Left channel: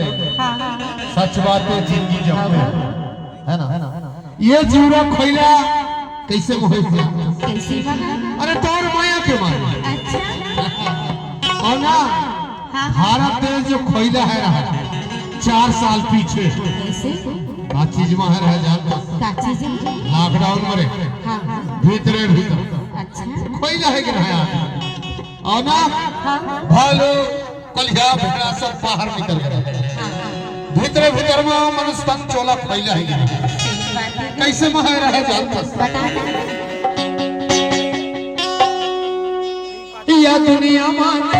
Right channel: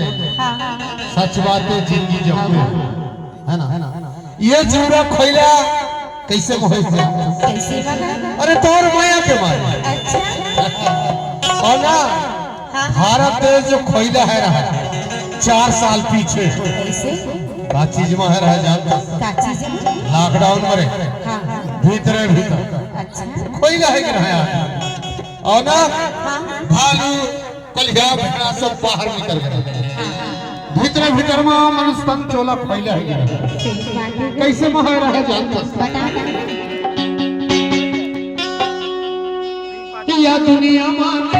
सच बातें जिंदगी जब है ना ये जीवरा खोइला कैसे मोहित कैसे बना? अरे तोर माया के मारे अच्छा और ना भारत देश जो खोइला है रहा 4 साल पीछे कैसे का चीज में है रह जाता का चीज है? लॉकडाउन मरे हां हां भीतर अच्छा खोइला है कि रहा और ना भालू कलिया भेड़ा सब बाहर निकल गए भीतर भीतर में मनुष्य तन चोला फैला है कैसे मह रहे जानता या दुनिया में